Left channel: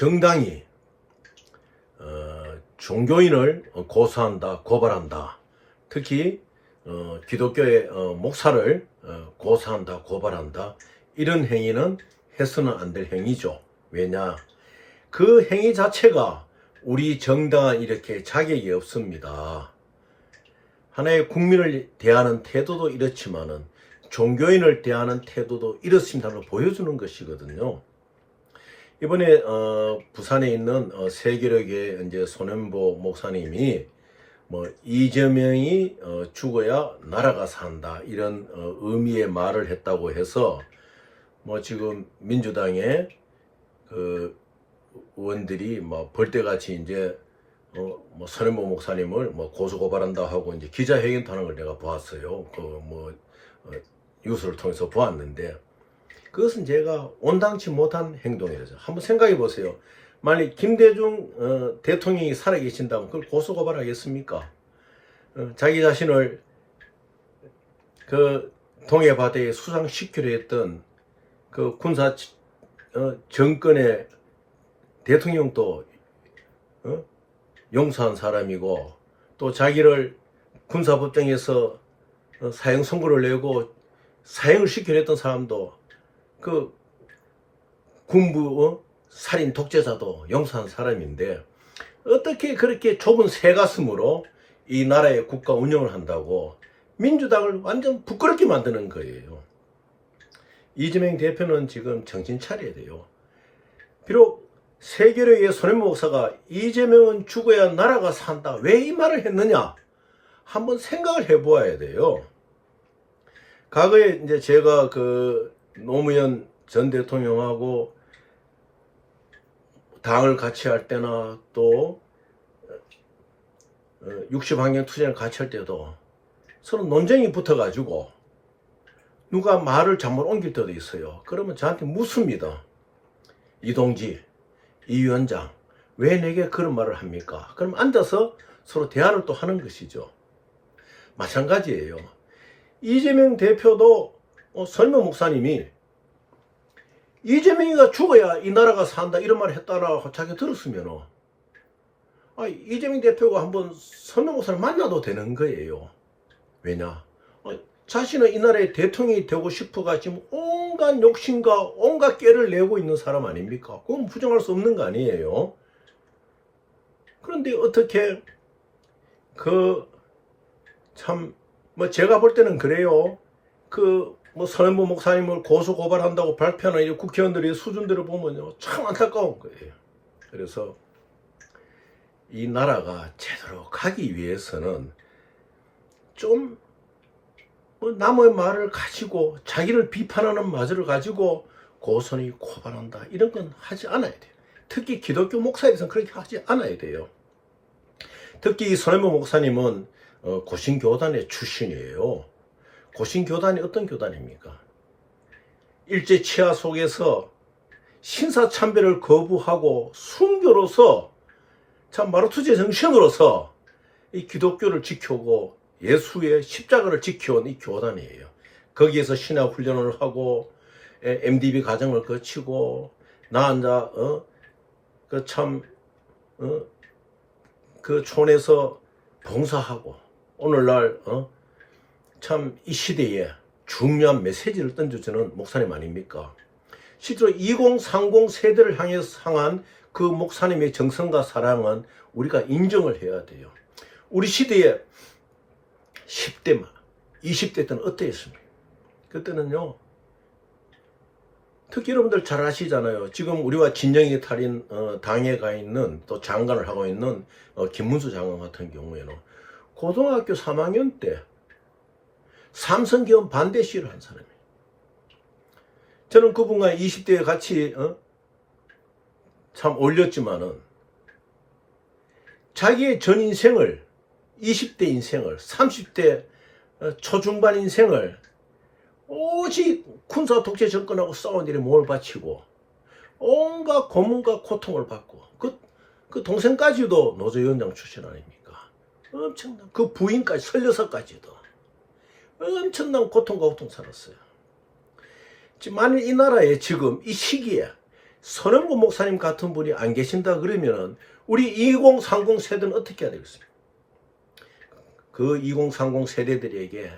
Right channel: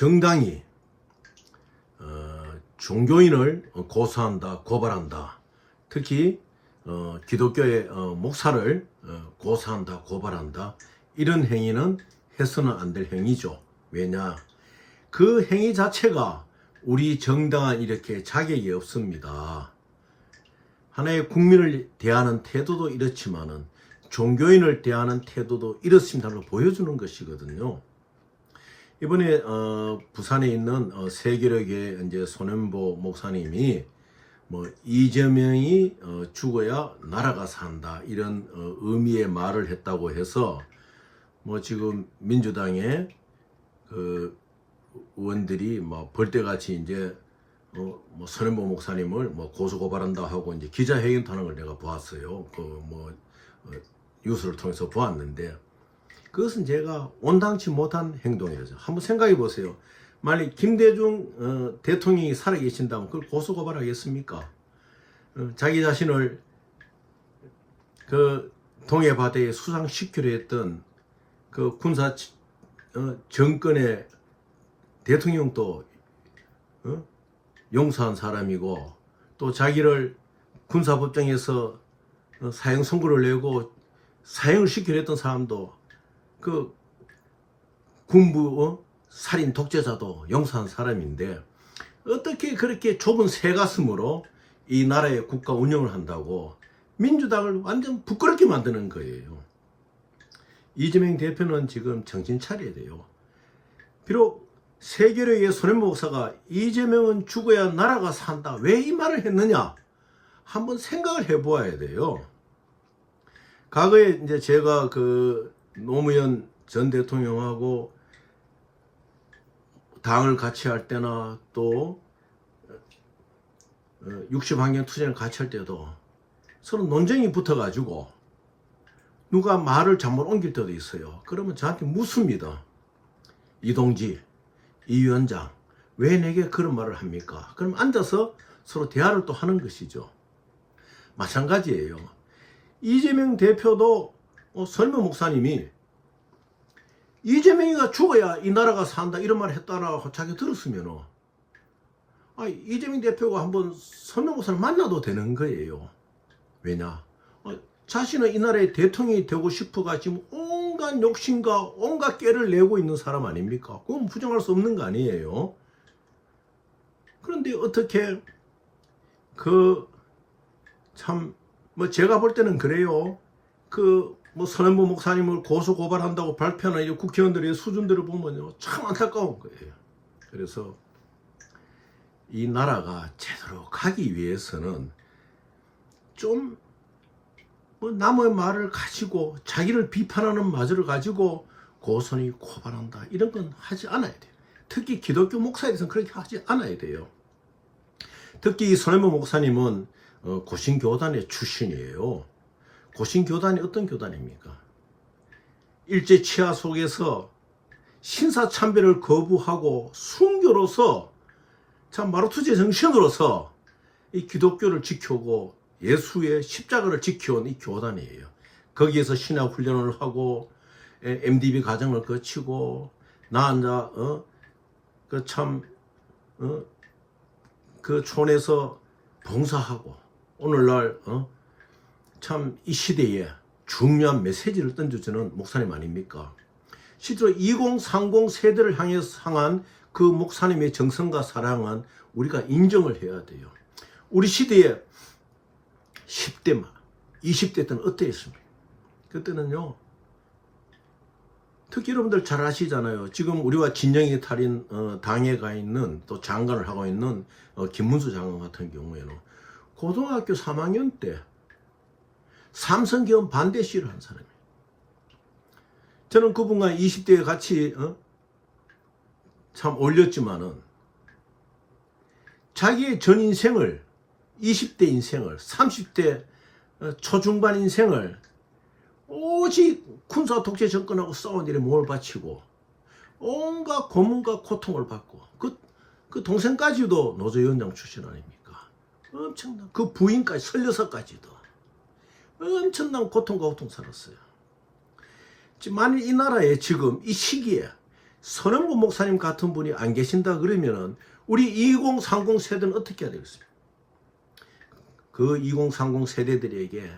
정당이 종교인을 고소한다, 고발한다. 특히 기독교의 목사를 고소한다, 고발한다. 이런 행위는 해서는 안 될 행위죠. 왜냐? 그 행위 자체가 우리 정당은 이렇게 자격이 없습니다. 하나의 국민을 대하는 태도도 이렇지만은 종교인을 대하는 태도도 이렇습니다를 보여주는 것이거든요. 이번에 부산에 있는 세계력의 이제 손현보 목사님이 뭐 이재명이 죽어야 나라가 산다 이런 의미의 말을 했다고 해서 뭐 지금 민주당의 그 의원들이 뭐 벌떼같이 이제 뭐 손현보 목사님을 뭐 고소 고발한다 하고 이제 기자회견도 하는 걸 내가 보았어요. 그 뭐 뉴스를 통해서 보았는데 그것은 제가 온당치 못한 행동이죠. 한번 생각해 보세요. 만약 김대중 대통령이 살아계신다면 그걸 고소 고발하겠습니까? 자기 자신을 그 동해바다에 수상시키려 했던 그 군사 정권의 대통령도 용서한 사람이고 또 자기를 군사법정에서 사형 선고를 내고 사형을 시키려 했던 사람도 그 군부 살인 독재자도 용서한 사람인데 어떻게 그렇게 좁은 새가슴으로 이 나라의 국가 운영을 한다고 민주당을 완전 부끄럽게 만드는 거예요. 이재명 대표는 지금 정신 차려야 돼요. 비록 세계력의 손현보 목사가 이재명은 죽어야 나라가 산다. 왜 이 말을 했느냐? 한번 생각을 해보아야 돼요. 과거에 이제 제가 그 노무현 전 대통령하고 당을 같이 할 때나 또 60환경 투쟁을 같이 할 때도 서로 논쟁이 붙어가지고 누가 말을 잘못 옮길 때도 있어요. 그러면 저한테 묻습니다. 이동지, 이 위원장, 왜 내게 그런 말을 합니까? 그럼 앉아서 서로 대화를 또 하는 것이죠. 마찬가지예요. 이재명 대표도 손현보 목사님이 이재명이가 죽어야 이 나라가 산다 이런 말을 했다라고 자기가 들었으면 이재명 대표가 한번 손현보 목사를 만나도 되는 거예요. 왜냐? 자신은 이 나라의 대통령이 되고 싶어가 지금 온갖 욕심과 온갖 깨를 내고 있는 사람 아닙니까? 그건 부정할 수 없는 거 아니에요. 그런데 어떻게 뭐 제가 볼 때는 그래요. 뭐 손현보 목사님을 고소 고발한다고 발표하는 이 국회의원들의 수준들을 보면요 참 안타까운 거예요. 그래서 이 나라가 제대로 가기 위해서는 좀 뭐 남의 말을 가지고 자기를 비판하는 마저를 가지고 고소니 고발한다 이런 건 하지 않아야 돼요. 특히 기독교 목사에 대해서는 그렇게 하지 않아야 돼요. 특히 이 손현보 목사님은 고신교단의 출신이에요. 고신교단이 어떤 교단입니까? 일제 치하 속에서 신사참배를 거부하고 순교로서 참 마르투제 정신으로서 이 기독교를 지켜오고 예수의 십자가를 지켜온 이 교단이에요. 거기에서 신학 훈련을 하고 MDB 과정을 거치고 나앉아 그 촌에서 봉사하고 오늘날 참 이 시대에 중요한 메시지를 던져주는 목사님 아닙니까? 실제로 2030 세대를 향한 그 목사님의 정성과 사랑은 우리가 인정을 해야 돼요. 우리 시대에 10대, 20대 때는 어땠습니까? 그때는요, 특히 여러분들 잘 아시잖아요. 지금 우리와 진영이 탈인 당에 가 있는 또 장관을 하고 있는 김문수 장관 같은 경우에는 고등학교 3학년 때 삼성기업 반대 시위를 한 사람이에요. 저는 그분과 20대에 같이 참 어울렸지만은 자기의 전 인생을 20대 인생을 30대 초중반 인생을 오직 군사 독재 정권하고 싸운 일에 몸을 바치고 온갖 고문과 고통을 받고 그 동생까지도 노조위원장 출신 아닙니까? 엄청난 그 부인까지 36까지도 엄청난 고통과 고통 살았어요. 만일 이 나라에 지금 이 시기에 선원보 목사님 같은 분이 안 계신다 그러면은 우리 2030 세대는 어떻게 해야 되겠습니까? 그 2030 세대들에게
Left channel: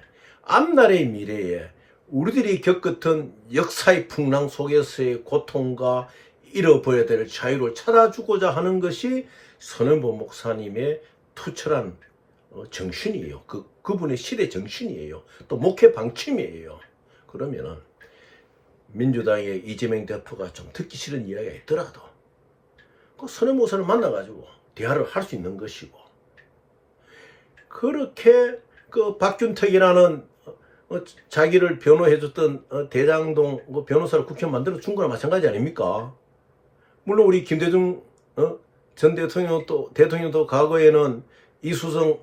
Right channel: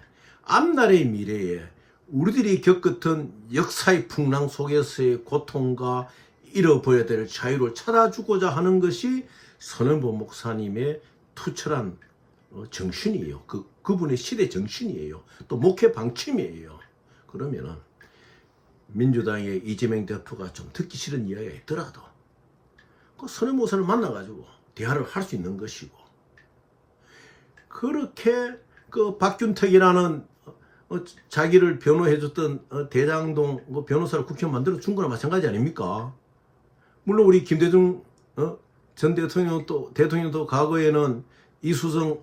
앞날의 미래에 우리들이 겪었던 역사의 풍랑 속에서의 고통과 잃어버려야 될 자유를 찾아주고자 하는 것이 선원보 목사님의 투철한 정신이에요. 그분의 시대 정신이에요. 또 목회 방침이에요. 그러면은 민주당의 이재명 대표가 좀 듣기 싫은 이야기가 있더라도 그 선원보 목사를 만나가지고 대화를 할 수 있는 것이고, 그렇게 그 박균택이라는 자기를 변호해줬던 대장동 변호사를 국회의원 만들어 준 거나 마찬가지 아닙니까? 물론 우리 김대중 전 대통령도 과거에는 이수성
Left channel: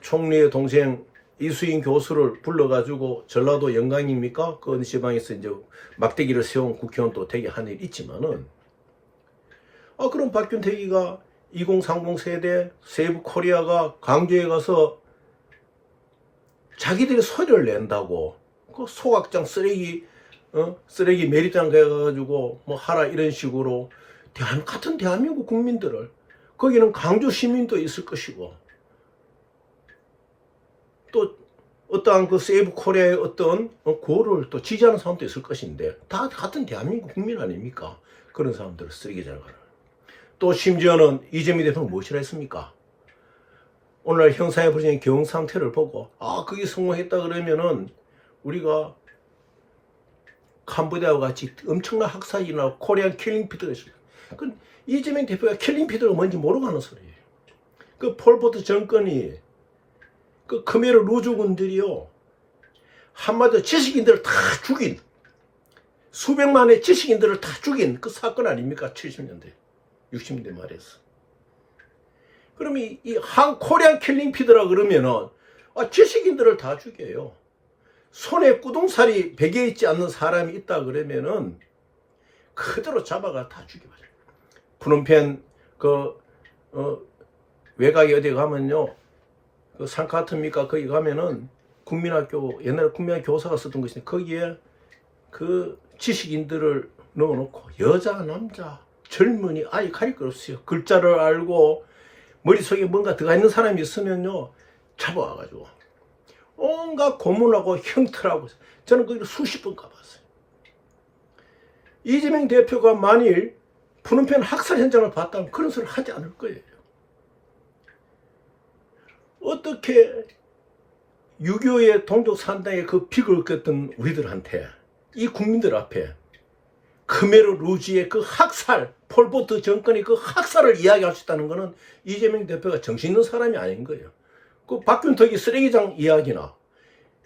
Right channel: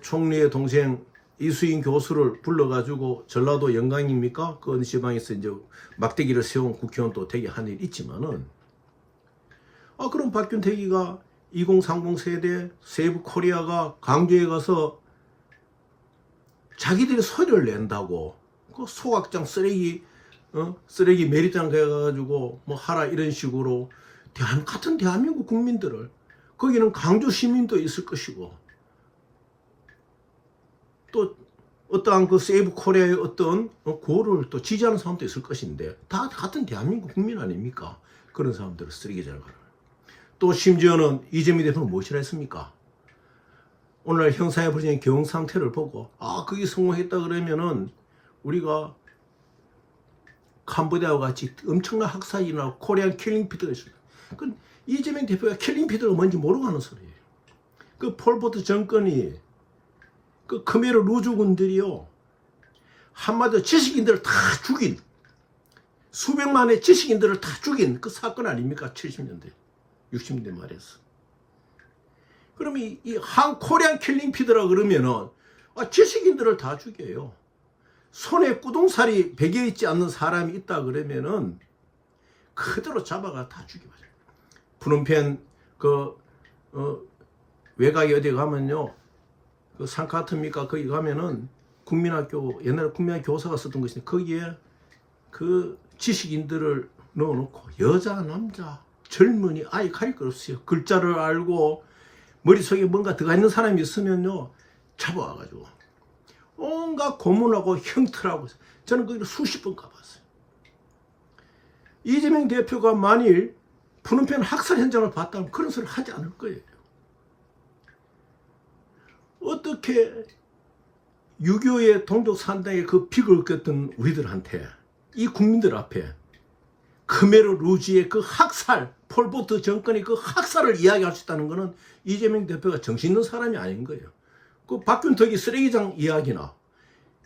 총리의 동생 이수인 교수를 불러가지고 전라도 영광입니까? 그 어느 지방에서 이제 막대기를 세운 국회의원 또 되게 한 일 있지만은, 그럼 박균택이가 2030 세대 세이브 코리아가 강주에 가서 자기들이 소리를 낸다고 그 소각장 쓰레기 매립장 가가지고 뭐 하라 이런 식으로 같은 대한민국 국민들을, 거기는 강주 시민도 있을 것이고 또 어떠한 그 세이브 코리아의 어떤 구호를 또 지지하는 사람도 있을 것인데 다 같은 대한민국 국민 아닙니까? 그런 사람들을 쓰레기장을 가라. 또 심지어는 이재명 대표는 무엇이라 했습니까? 오늘 형사에 벌어진 경 상태를 보고 그게 성공했다 그러면은 우리가 캄보디아와 같이 엄청난 학살이나 코리안 킬링피드가 있어요. 그 이재명 대표가 킬링피드가 뭔지 모르고 하는 소리예요. 그 폴포트 정권이 그 크메르 루즈군들이요, 한마디로 지식인들을 다 죽인, 수백만의 지식인들을 다 죽인 그 사건 아닙니까? 70년대 60년대 말에서. 그럼 이 코리안 킬링피드라 그러면은 지식인들을 다 죽여요. 손에 꾸둥살이 베개있지 않는 사람이 있다 그러면은 그대로 잡아가 다 죽여버려요. 푸놈펜 외곽에 어디 가면요, 그 산카트입니까? 거기 가면은 국민학교, 옛날에 국민학교 교사가 쓰던 것인데 거기에 그 지식인들을 넣어놓고 여자 남자 젊은이 아예 가릴 거 없어요. 글자를 알고 머릿속에 뭔가 들어가 있는 사람이 있으면요 잡아와가지고 온갖 고문하고 형틀하고, 저는 거기를 수십 번 가봤어요. 이재명 대표가 만일 푸놈펜 학살 현장을 봤다면 그런 소리를 하지 않을 거예요. 어떻게 6.25의 동족산당의 그 픽을 꼈던 우리들한테, 이 국민들 앞에 크메르 루지의 그 학살, 폴포트 정권의 그 학살을 이야기할 수 있다는 것은 이재명 대표가 정신 있는 사람이 아닌 거예요. 그 박균택이 쓰레기장 이야기나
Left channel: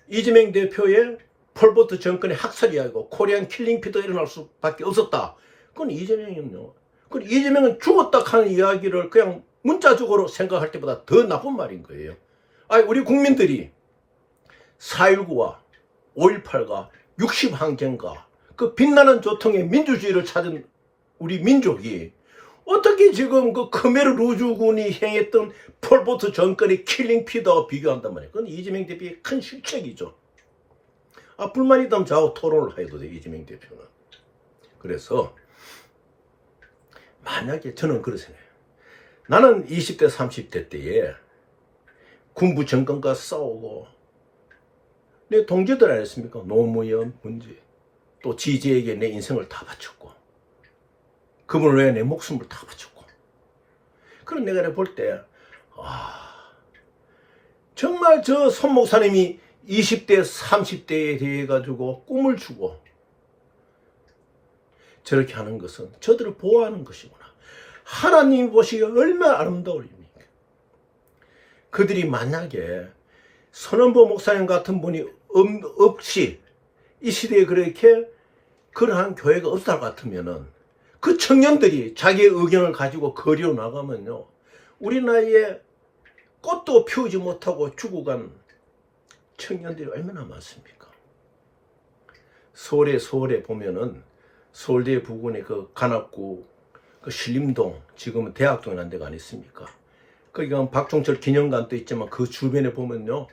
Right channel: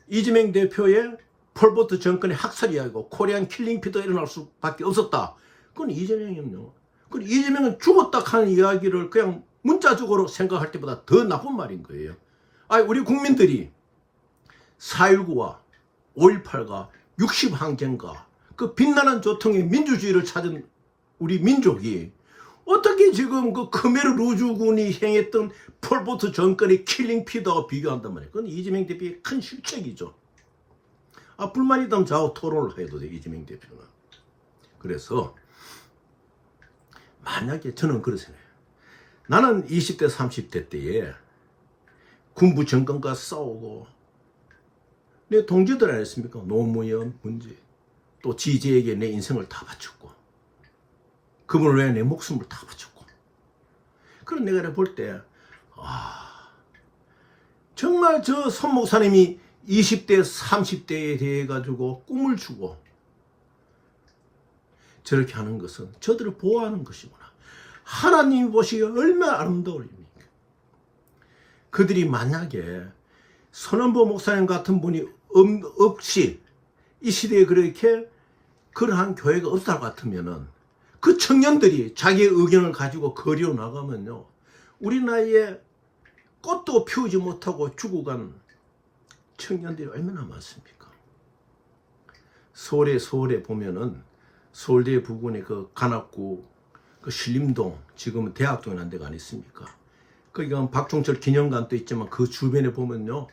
이재명 대표의 폴포트 정권의 학살 이야기고 코리안 킬링피드가 일어날 수밖에 없었다. 그건 이재명이요. 그건 이재명은 죽었다 하는 이야기를 그냥 문자적으로 생각할 때보다 더 나쁜 말인 거예요. 우리 국민들이 4.19와 5.18과 60항쟁과 그 빛나는 조통의 민주주의를 찾은 우리 민족이 어떻게 지금 그 크메르 루즈군이 행했던 폴포트 정권의 킬링피드와 비교한단 말이에요. 그건 이재명 대표의 큰 실책이죠. 불만 있다면 저하고 토론을 해도 돼, 이재명 대표는. 그래서 만약에 저는 그렇게 생각해요. 나는 20대 30대 때에 군부 정권과 싸우고 내 동지들 아니었습니까? 노무현, 문제, 또 지지에게 내 인생을 다 바쳤고 그분을 위해 내 목숨을 다 바쳤고, 그런 내가 볼 때 정말 저 손 목사님이 20대 30대에 대해 가지고 꿈을 주고 저렇게 하는 것은 저들을 보호하는 것이구나. 하나님이 보시기에 얼마나 아름다울입니까? 그들이 만약에 선원보 목사님 같은 분이 없이 이 시대에 그렇게 그러한 교회가 없을 것 같으면은 그 청년들이 자기의 의견을 가지고 거리로 나가면요, 우리 나이에 꽃도 피우지 못하고 죽어간 청년들이 얼마나 많습니까? 서울에 보면은 서울대 부근의 그 관악구 그 신림동, 지금은 대학동이라는 데가 아니 있습니까? 거기 가면 박종철 기념관도 있지만 그 주변에 보면요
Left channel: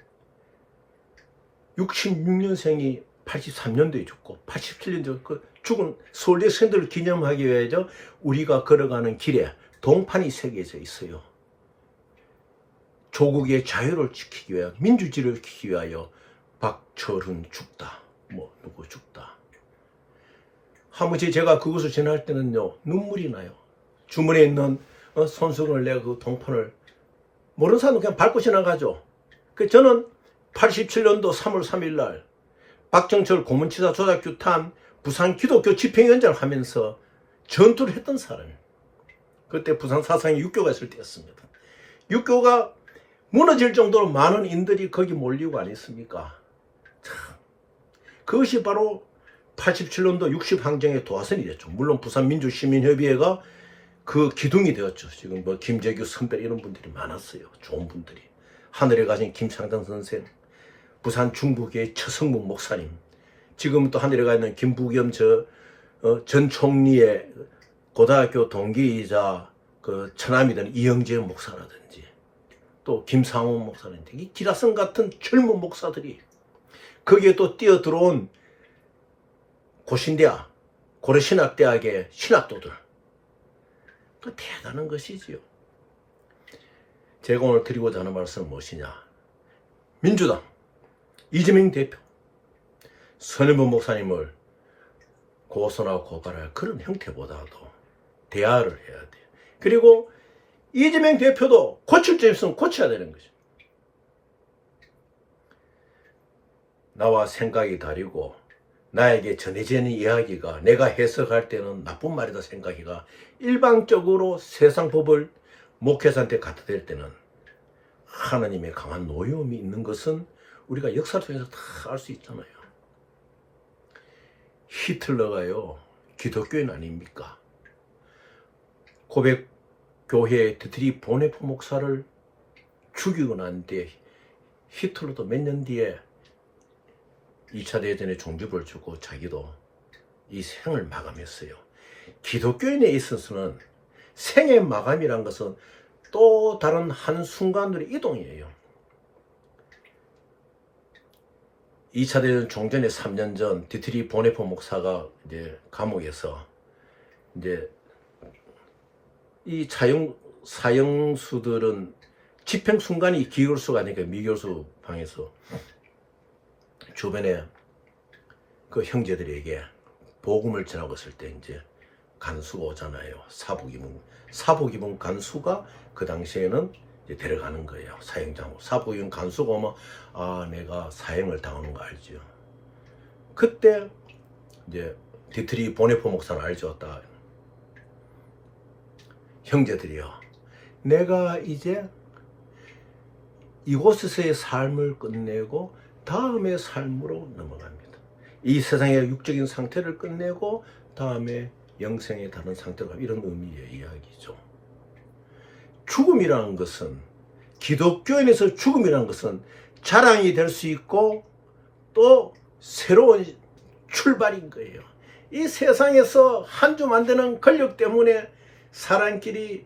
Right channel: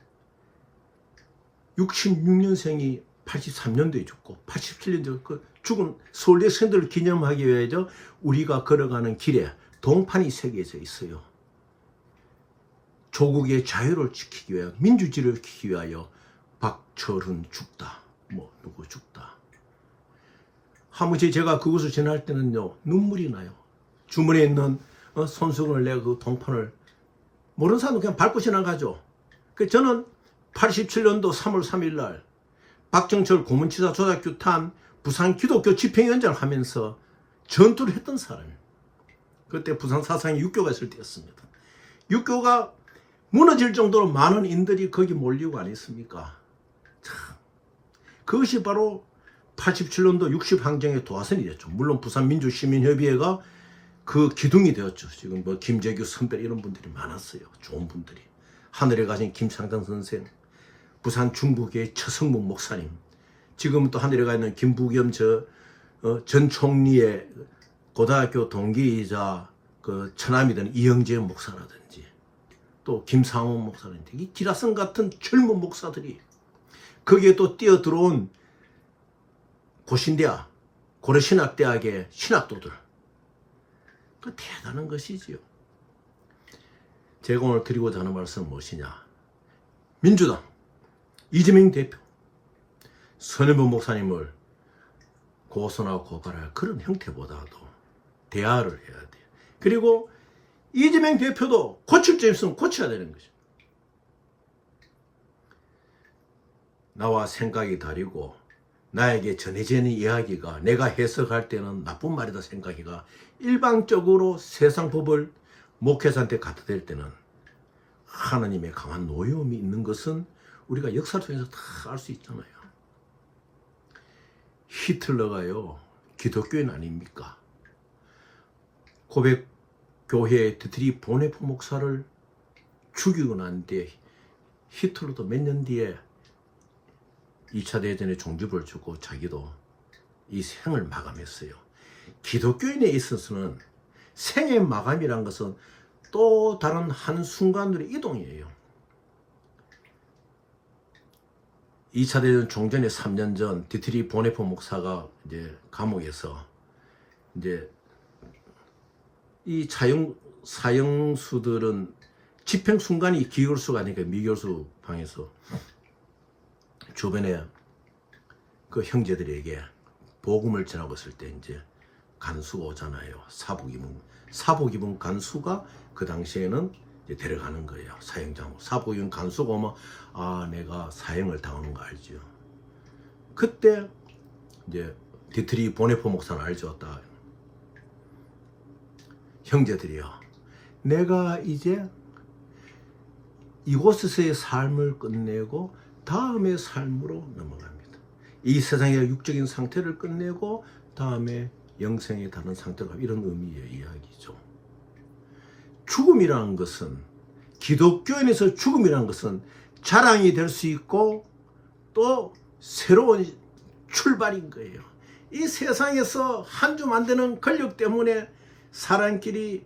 66년생이 83년도에 죽고 87년도에 그 죽은 서울대 선들을 기념하기 위해서 우리가 걸어가는 길에 동판이 새겨져 있어요. 조국의 자유를 지키기 위하여, 민주주의를 지키기 위하여 박철훈 죽다, 뭐 누구 죽다. 하무지 제가 그것을 지날 때는요 눈물이 나요. 주머니에 있는 손수건을 내가 그 동판을 모르는 사람도 그냥 밟고 지나가죠. 저는 87년도 3월 3일 날 박정철 고문치사 조작규탄 부산 기독교 집행위원장을 하면서 전투를 했던 사람이에요. 그때 부산 사상에 육교가 있을 때였습니다. 육교가 무너질 정도로 많은 인들이 거기 몰리고 아니었습니까? 참, 그것이 바로 87년도 60항쟁의 도화선이 됐죠. 물론 부산민주시민협의회가 그 기둥이 되었죠. 지금 뭐 김재규 선배 이런 분들이 많았어요. 좋은 분들이. 하늘에 가신 김창단 선생, 부산 중부교의 최성문 목사님, 지금 또 하늘에 가 있는 김부겸 전 총리의 고등학교 동기이자 그 처남이 되는 이영재 목사라든지 또 김상훈 목사라든지 이 기라성 같은 젊은 목사들이 거기에 또 뛰어들어온 고신대학, 고려신학대학의 신학도들, 그 대단한 것이지요. 제가 오늘 드리고자 하는 말씀은 무엇이냐? 민주당 이재명 대표, 선현보 목사님을 고소나 고발할 그런 형태보다도 대화를 해야 돼요. 그리고 이재명 대표도 고칠 점 있으면 고쳐야 되는 거죠. 나와 생각이 다르고 나에게 전해지는 이야기가 내가 해석할 때는 나쁜 말이다 생각이가 일방적으로 세상 법을 목회자한테 갖다 댈 때는 하나님의 강한 노여움이 있는 것은 우리가 역사 통해서 다 알 수 있잖아요. 히틀러가요 기독교인 아닙니까? 고백 교회 디트리 보네포 목사를 죽이고 난 뒤에 히틀러도 몇 년 뒤에 2차 대전에 종주부를 주고 자기도 이 생을 마감했어요. 기독교인에 있어서는 생의 마감이란 것은 또 다른 한순간의 이동이에요. 2차 대전 종전에 3년 전 디트리 보네포 목사가 이제 감옥에서 이제 이 사형수들은 집행 순간이 기교수가 아니니까 미교수 방에서 주변에 그 형제들에게 복음을 전하고 있을 때 이제 간수가 오잖아요. 사복 입은 간수가 그 당시에는 이제 데려가는 거예요. 사형장으로. 사복 입은 간수가 오면 아 내가 사형을 당하는 거 알죠. 그때 이제 디트리 보네포 목사는 알죠. 딱 형제들이요. 내가 이제 이곳에서의 삶을 끝내고 다음의 삶으로 넘어갑니다. 이 세상의 육적인 상태를 끝내고 다음에 영생의 다른 상태로 가는 이런 의미의 이야기죠. 죽음이라는 것은 기독교인에서 죽음이라는 것은 자랑이 될 수 있고 또 새로운 출발인 거예요. 이 세상에서 한 줌 안 되는 권력 때문에 사람끼리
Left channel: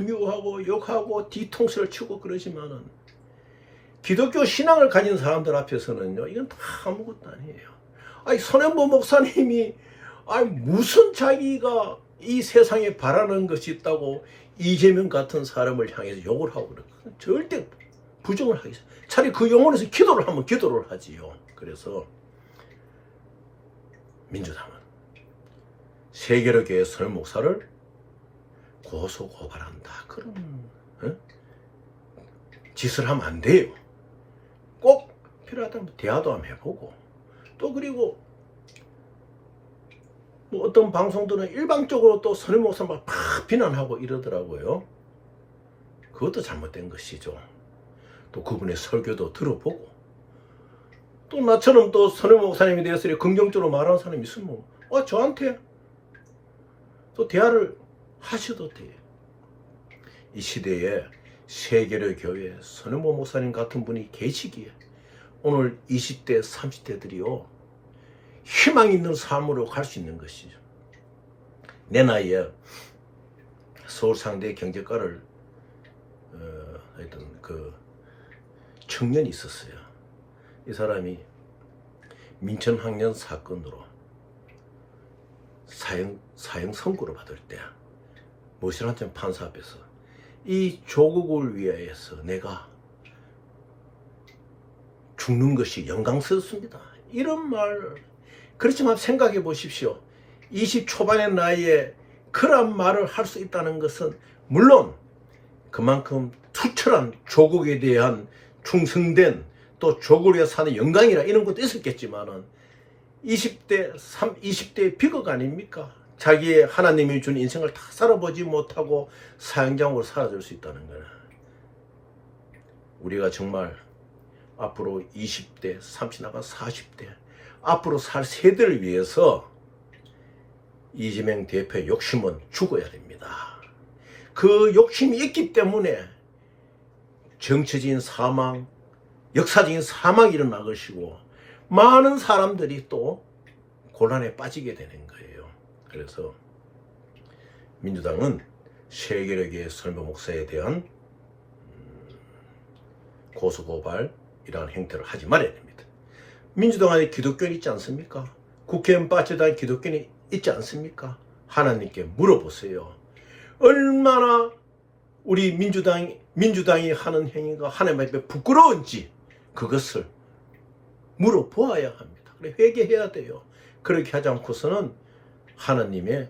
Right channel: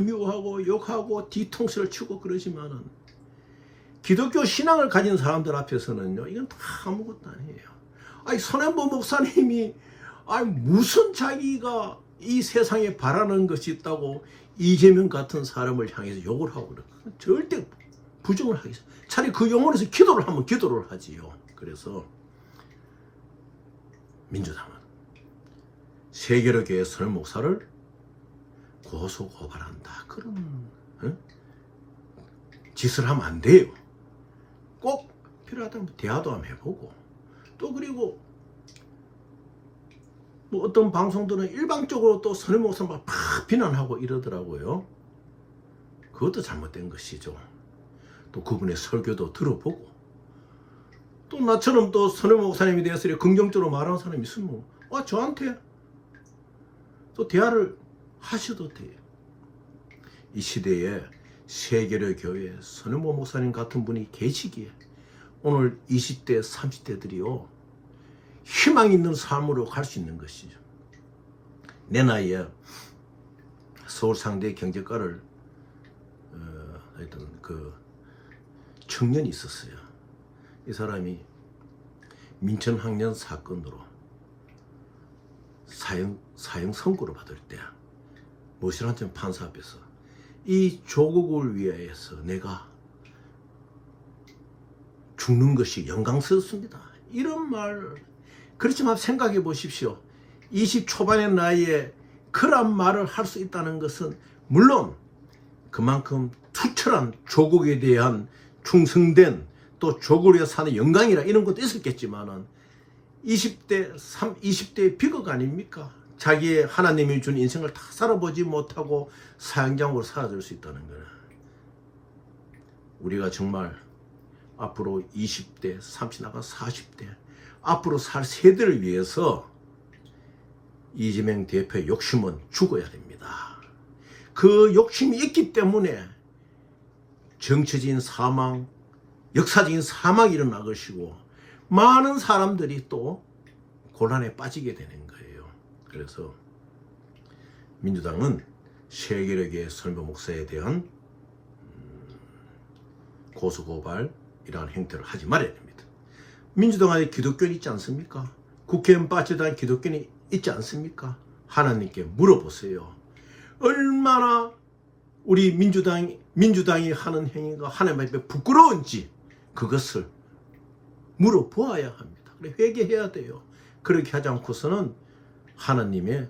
미워하고 욕하고 뒤통수를 치고 그러지만은 기독교 신앙을 가진 사람들 앞에서는요 이건 다 아무것도 아니에요. 아니 선현보 목사님이 아니 무슨 자기가 이 세상에 바라는 것이 있다고 이재명 같은 사람을 향해서 욕을 하고 그래. 절대 부정을 하겠어요. 차라리 그 영혼에서 기도를 하면 기도를 하지요. 그래서 민주당은 세계로 교회 선현 목사를 고소 고발한다. 그런 짓을 하면 안 돼요. 꼭 필요하다면 대화도 한번 해보고 또 그리고 뭐 어떤 방송들은 일방적으로 또 선임 목사만 팍 비난하고 이러더라고요. 그것도 잘못된 것이죠. 또 그분의 설교도 들어보고 또 나처럼 또 선임 목사님에 대해서 긍정적으로 말하는 사람이 있으면 저한테 또 대화를 하셔도 돼요. 이 시대에 세계로 교회 선현보 목사님 같은 분이 계시기에 오늘 20대 30대들이요 희망 있는 삶으로 갈 수 있는 것이죠. 내 나이에 서울상대 경제과를 했던 그 청년이 있었어요. 이 사람이 민천학년 사건으로 사형 선고를 받을 때 모시란천 판사 앞에서 이 조국을 위하여서 내가 죽는 것이 영광스럽습니다. 이런 말. 그렇지만 생각해 보십시오. 20 초반의 나이에 그런 말을 할 수 있다는 것은 물론 그만큼 투철한 조국에 대한 충성된 또 조국을 위해 사는 영광이라 이런 것도 있었겠지만은 20대 비극 아닙니까? 자기의 하나님이 준 인생을 다 살아보지 못하고 사형장으로 사라질 수 있다는 거는 우리가 정말 앞으로 20대, 30 나가 40대 앞으로 살 세대를 위해서 이재명 대표의 욕심은 죽어야 됩니다. 그 욕심이 있기 때문에 정치적인 사망, 역사적인 사망이 일어날 것이고 많은 사람들이 또 곤란에 빠지게 되는 거예요. 그래서 민주당은 세계력의 설모 목사에 대한 고소고발 이러한 행태를 하지 말아야 됩니다. 민주당 안에 기독교는 있지 않습니까? 국회의원 빠져다닌 기독교는 있지 않습니까? 하나님께 물어보세요. 얼마나 우리 민주당이 하는 행위가 하나님 앞에 부끄러운지 그것을 물어보아야 합니다. 그래 회개해야 돼요. 그렇게 하지 않고서는 하나님의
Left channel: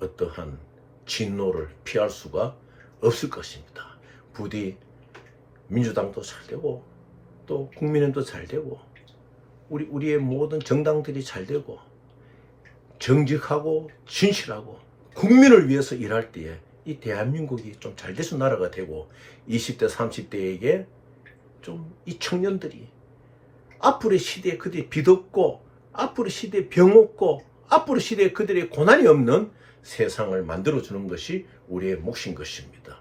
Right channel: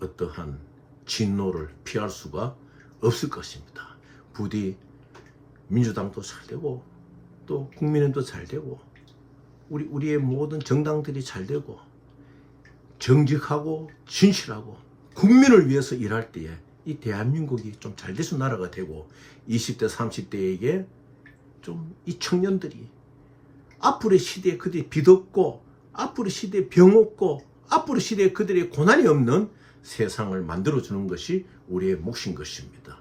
어떠한 진노를 피할 수가 없을 것입니다. 부디 민주당도 잘 되고 또 국민의힘도 잘 되고 우리의 모든 정당들이 잘 되고 정직하고 진실하고 국민을 위해서 일할 때에 이 대한민국이 좀 잘 돼서 나라가 되고 20대 30대에게 좀 이 청년들이 앞으로의 시대에 그들이 빚없고 앞으로의 시대에 병 없고 앞으로의 시대에 그들의 고난이 없는 세상을 만들어주는 것이 우리의 몫인 것입니다.